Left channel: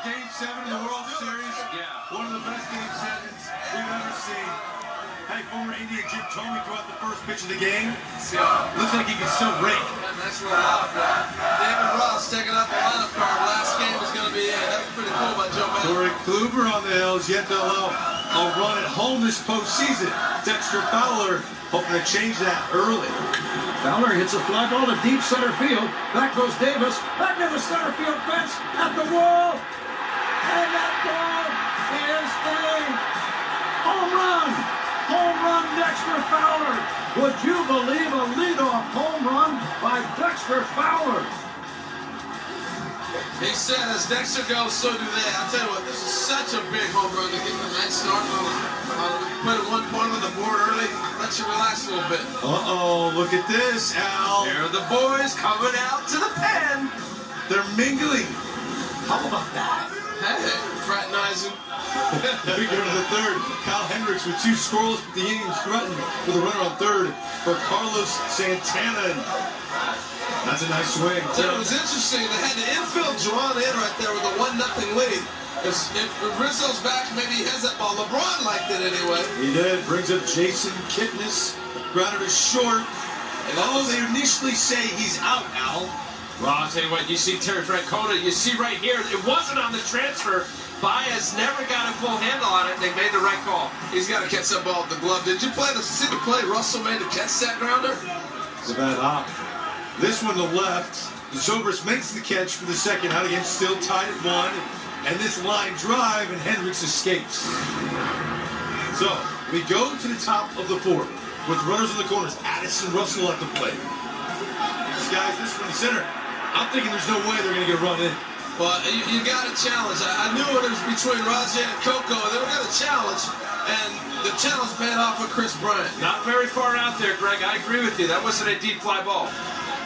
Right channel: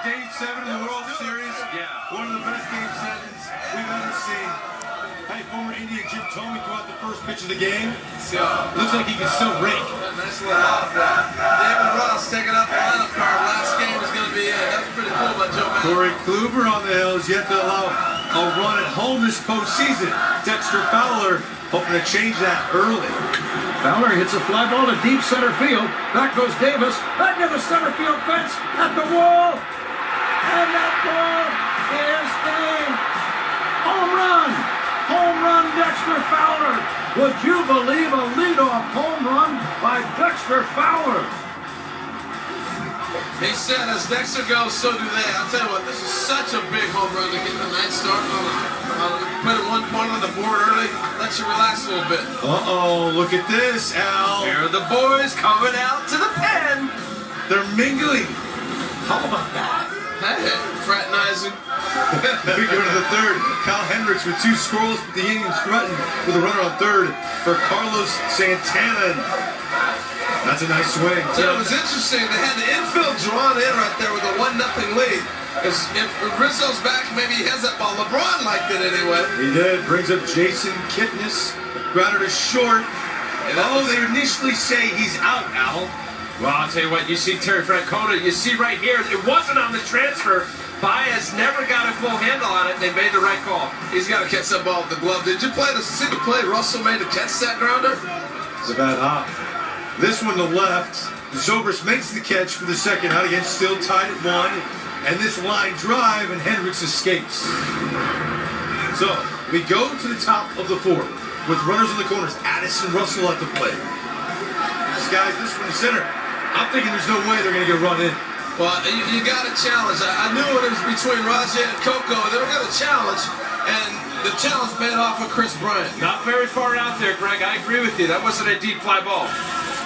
Game 7 of the World Series. Yeah. One of the best Game 7s we've ever seen. Had former Indian Jim Thome throw out the first pitch of the game. Looks like he can still rake. Nice little off. David Ross taking up the lineup card. Last game is going to be that was pretty cool by Joe Madden. Corey Kluber on the hill is yet to allow a run at home this postseason. Dexter Fowler hoping to change that early. Fowler hits a fly ball to deep center field. Back goes Davis. Back to the center field fence. At the wall. And that ball is a home run. Home run, Dexter Fowler. Would you believe a leadoff home run by Dexter Fowler? He said, as Dexter goes, so do they. I'll tell you what, this is such a big home run to get the night start. Put it 1 point on the board early, let you relax a little bit. Uh-oh, look at this, Al. Here are the boys coming out to the pen. They're mingling. How about that? Hey, fraternizing. We go to the third. Kyle Hendricks with 2 scoreless, but the Indians threatened with a runner on third for Carlos Santana. That's a nice swing. So it was interesting. They had the infield drawn in right there with a 1-0 lead. Because if Rizzo's back, maybe he has that ball. LeBron liked it anyway. He did. Brings up Jason Kipnis. Grounded to short. Oh, they initially say he's out, Al. Well, I'll tell you what, you see Terry Francona, you see right here, it wasn't on the transfer. Báez never got a full handle on it. They made the right call. He's got to catch that ball with the glove. Did you see the play Russell made to catch that grounder? It's a bad hop. This one to left. Zobrist makes the catch for the second out again, still tied at 1. And this line drive, and Hendricks escapes. So, we go to the top of the 4th with runners in the corners. Addison Russell at the plate. Skies this from the center. I'm thinking there's no way they're going to get run in. Well, you got to challenge. I knew it was between Rajay and Coco. They were going to challenge, and the challenge paid off with Kris Bryant. Not very far out there, Greg. I agree with you. That wasn't a deep fly ball.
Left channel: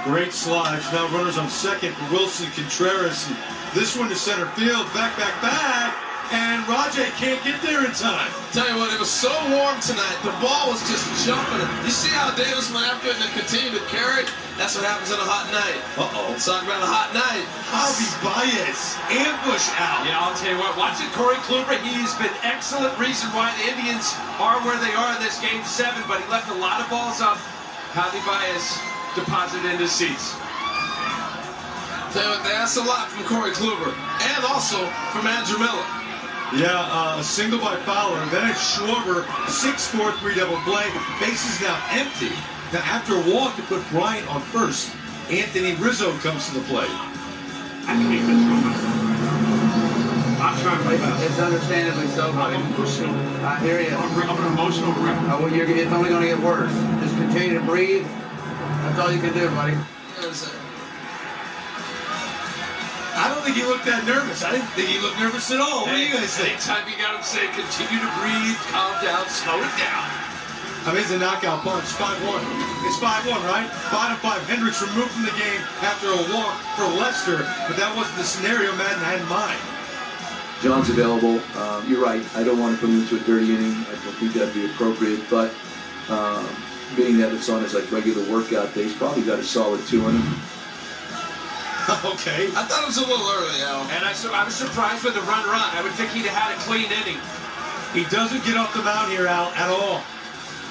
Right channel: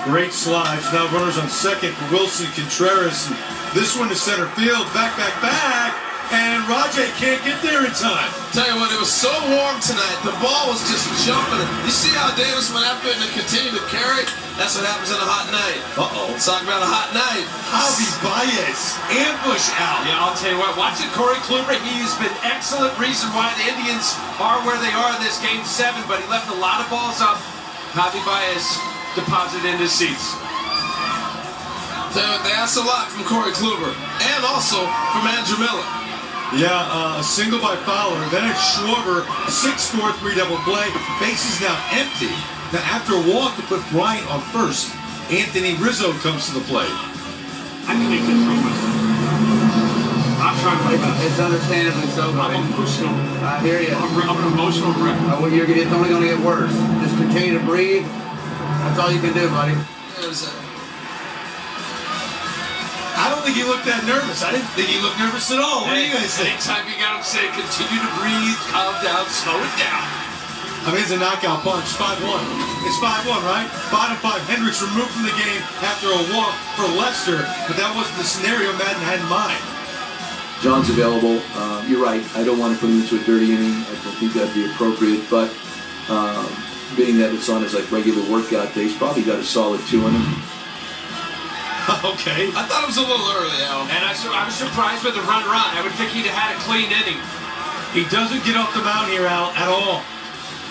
Great slides. Now runners on second for Wilson Contreras. And this one to center field. Back. And Rajay can't get there in time. Tell you what, it was so warm tonight. The ball was just jumping. You see how Davis went after it and continued to carry? That's what happens in a hot night. Uh-oh. Let's talk about a hot night. Báez ambush out. Yeah, I'll tell you what, watching Corey Kluber, he's been excellent reason why the Indians are where they are in this Game 7, but he left a lot of balls up. Báez deposited in his seats. Tell you what, they asked a lot from Corey Kluber and also from Andrew Miller. Yeah, a single by Fowler. Then it's Schwarber, 6-4-3 double play. Bases now empty. Now after a walk to put Bryant on first, Anthony Rizzo comes to the plate. I can make this throw myself. I'm trying to play back. It's understandably so, buddy. I'm emotional. I hear you. I'm an emotional wreck. It's only going to get worse. Just continue to breathe. That's all you can do, buddy. I don't think he looked that nervous. I didn't think he looked nervous at all. What do you guys think? Anytime you got him saying, continue to breathe, calm down, slow it down. I mean, it's a knockout punch, 5-1. It's 5-1, right? Bottom 5, Hendricks removed from the game after a walk for Lester, but that wasn't the scenario Madden had in mind. John's available. You're right. I don't want to put him into a dirty inning. I don't think that'd be appropriate, but being that it's on his regular workout day, he's probably got a solid 2 in him. Okay. I thought it was a little early, Al. And I was surprised with the run. I would think he'd have had a clean inning. He doesn't get off the mound here, Al, at all.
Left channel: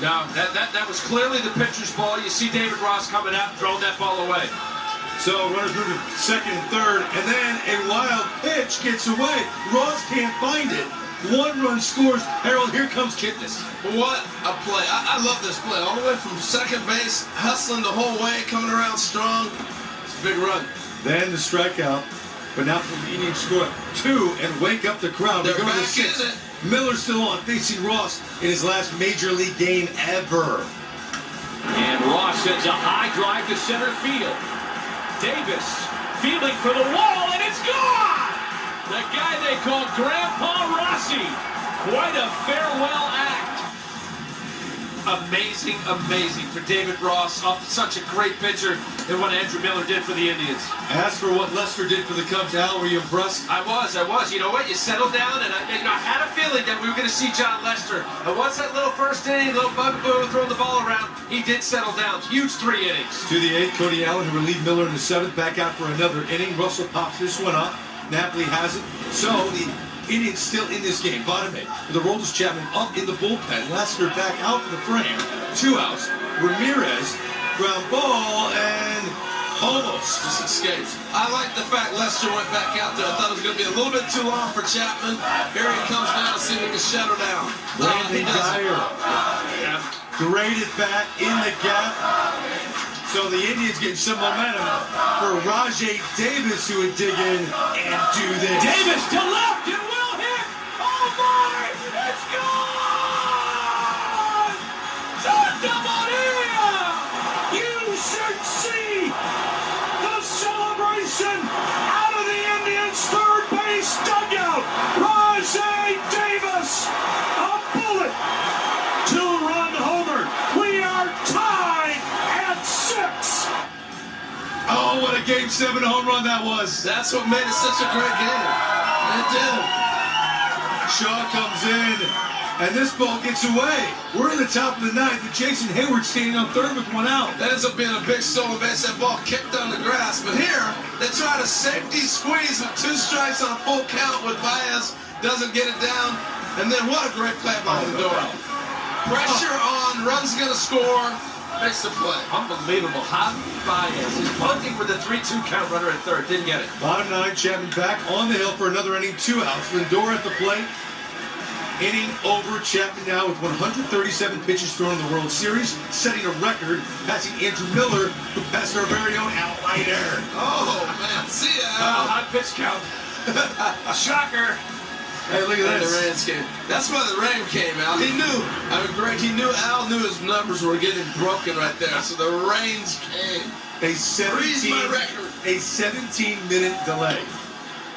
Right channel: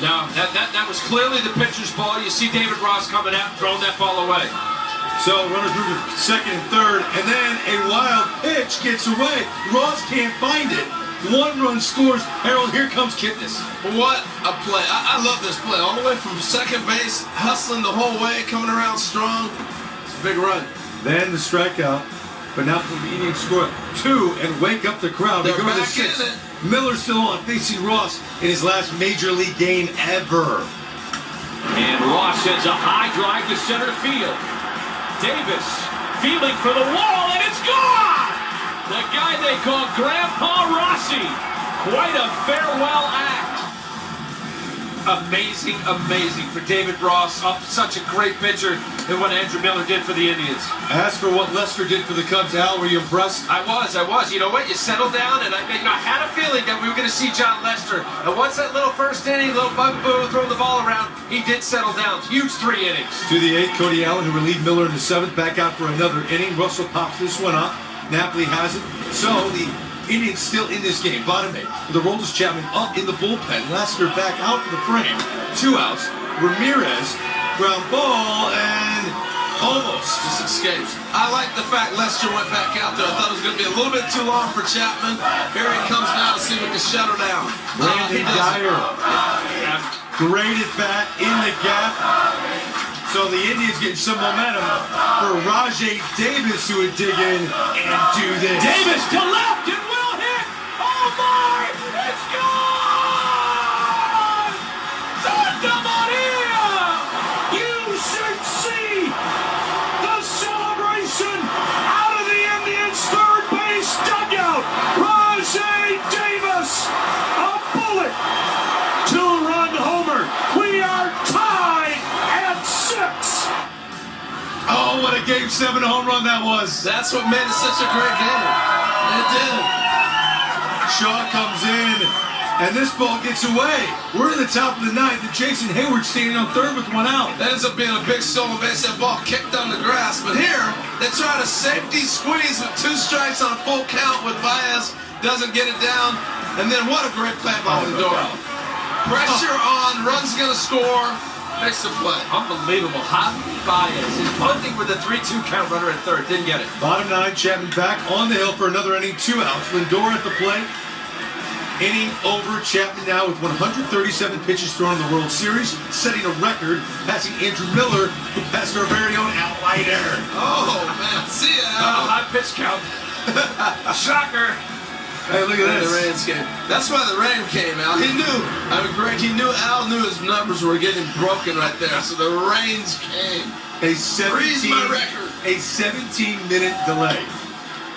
No, that was clearly the pitcher's ball. You see David Ross coming out and throwing that ball away. So runners move to second and third, and then a wild pitch gets away. Ross can't find it. 1 run scores. Harold, here comes Kipnis. What a play. I love this play. All the way from second base, hustling the whole way, coming around strong. It's a big run. Then the strikeout, but now for the Indians score 2 and wake up the crowd. They're They go to back 6. in it. Miller's still on, facing Ross in his last major league game ever. And Ross sends a high drive to center field. Davis fielding for the wall, and it's gone! The guy they call Grandpa Rossi. Quite a farewell act. Amazing for David Ross. Such a great pitcher, and what Andrew Miller did for the Indians. As for what Lester did for the Cubs, Al, were you impressed? I was. You know what? You settled down, and I had a feeling that we were going to see John Lester. And once that little first inning, little bugaboo throwing the ball around, he did settle down. Huge 3 innings. To the 8th, Cody Allen, who relieved Miller in the 7th, back out for another inning. Russell pops this one up. Napoli has it. So the Indians still in this game. Bottom 8. The Roldis Chapman up in the bullpen. Lester back out for the frame. 2 outs. Ramirez, ground ball, and almost just escaped. I like the fact Lester went back out there. I thought it was going to be a little bit too long for Chapman. Here he comes now to see if he can shut her down. Brandon Geyer. Great at bat in the gap. So the Indians getting some momentum for Rajay Davis, who would dig in and do this. Davis to left and will hit. Oh my! It's gone! Santa Maria! You should see the celebration out of the Indians' third base dugout. Rajay Davis, a bullet, 2-run homer. We are tied at 6. Oh, what a Game 7 home run that was. That's what made it such a great game. It did. Shaw comes in, and this ball gets away. We're in the top of the 9th, and Jason Hayward standing on third with 1 out. That ends up being a big stolen base. That ball kicked on the grass. But here, they try to safety squeeze with 2 strikes on a full count with Báez. Doesn't get it down. And then what a great play by Lindor. Pressure on, run's going to score. Makes the play. Unbelievable. Javi Báez is bunting with a 3-2 count, runner at third. Didn't get it. Bottom 9, Chapman back on the hill for another inning, 2 outs. Lindor at the plate. Inning over. Chapman now with 137 pitches thrown in the World Series, setting a record, passing Andrew Miller, who passed our very own Al Leiter. Oh, man. See ya, Al. High pitch count. Shocker. Hey, look at And this. the Rams came. That's why the Ram came out. He knew. I mean, Greg, Al knew his numbers were getting broken right there. So the rains came. A Freeze my record. 17-minute delay.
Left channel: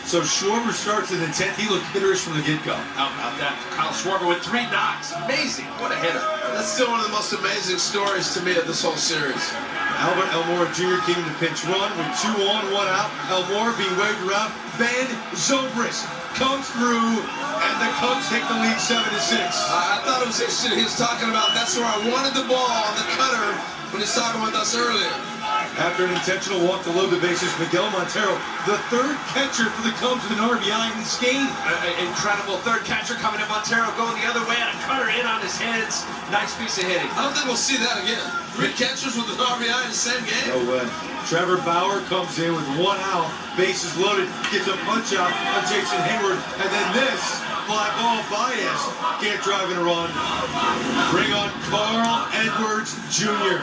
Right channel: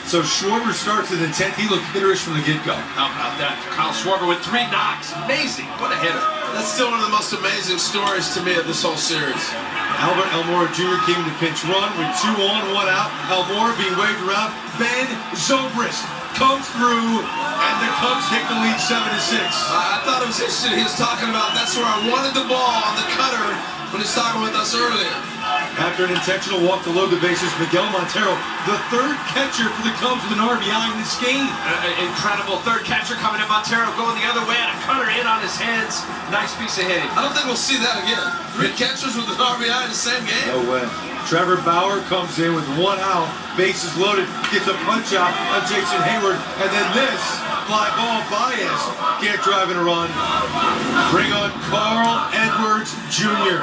So Schwarber starts in the 10th. He looked hitterish from the get-go. How about that? Kyle Schwarber with 3 knocks. Amazing. What a hitter. That's still one of the most amazing stories to me of this whole series. Albert Almora Jr. came to pinch run with 2 on, 1 out. Almora being waved around. Ben Zobrist comes through, and the Cubs take the lead 7-6. I thought it was interesting. He was talking about that's where I wanted the ball on the cutter when he was talking with us earlier. After an intentional walk to load the bases, Miguel Montero, the 3rd catcher for the Cubs with an RBI in this game. Incredible 3rd catcher coming in. Montero going the other way and a cutter in on his hands. Nice piece of hitting. I don't think we'll see that again. 3 catchers with an RBI in the same game. No way. Trevor Bauer comes in with 1 out, bases loaded, gets a punch out on Jason Hayward, and then this fly ball. Báez can't drive in a run. Bring on Carl Edwards Jr.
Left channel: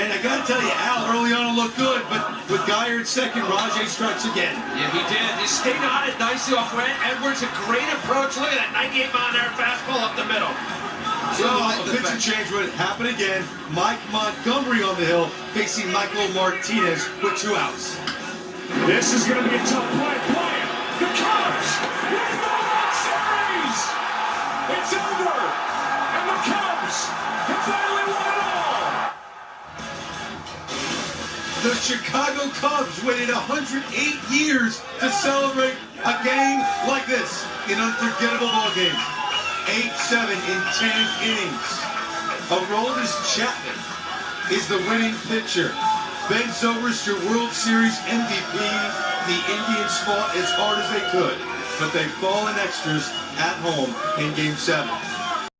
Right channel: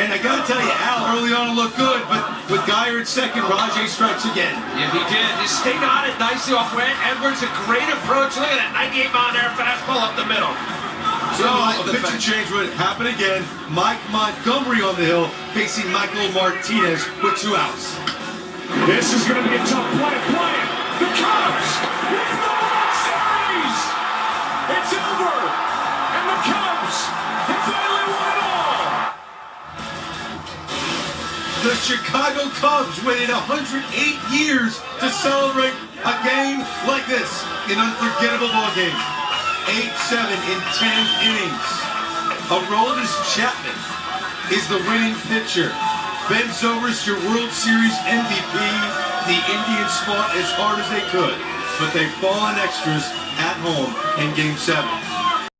And I gotta tell you, Al early on it looked good, but with Geyer at second, Rajay strikes again. Yeah, he did. He stayed on it nicely off Grant Edwards. A great approach. Look at that 98-mile-an-hour fastball up the middle. So a pitching change would happen again. Mike Montgomery on the hill facing Michael Martinez with 2 outs. This is going to be a tough play. The Cubs win the World Series. It's over, and the Cubs have finally won it all. The Chicago Cubs waited 108 years to celebrate a game like this, an unforgettable ball game. 8-7 in 10 innings. Aroldis Chapman is the winning pitcher. Ben Zobrist, your World Series MVP. The Indians fought as hard as they could, but they fall in extras at home in Game 7.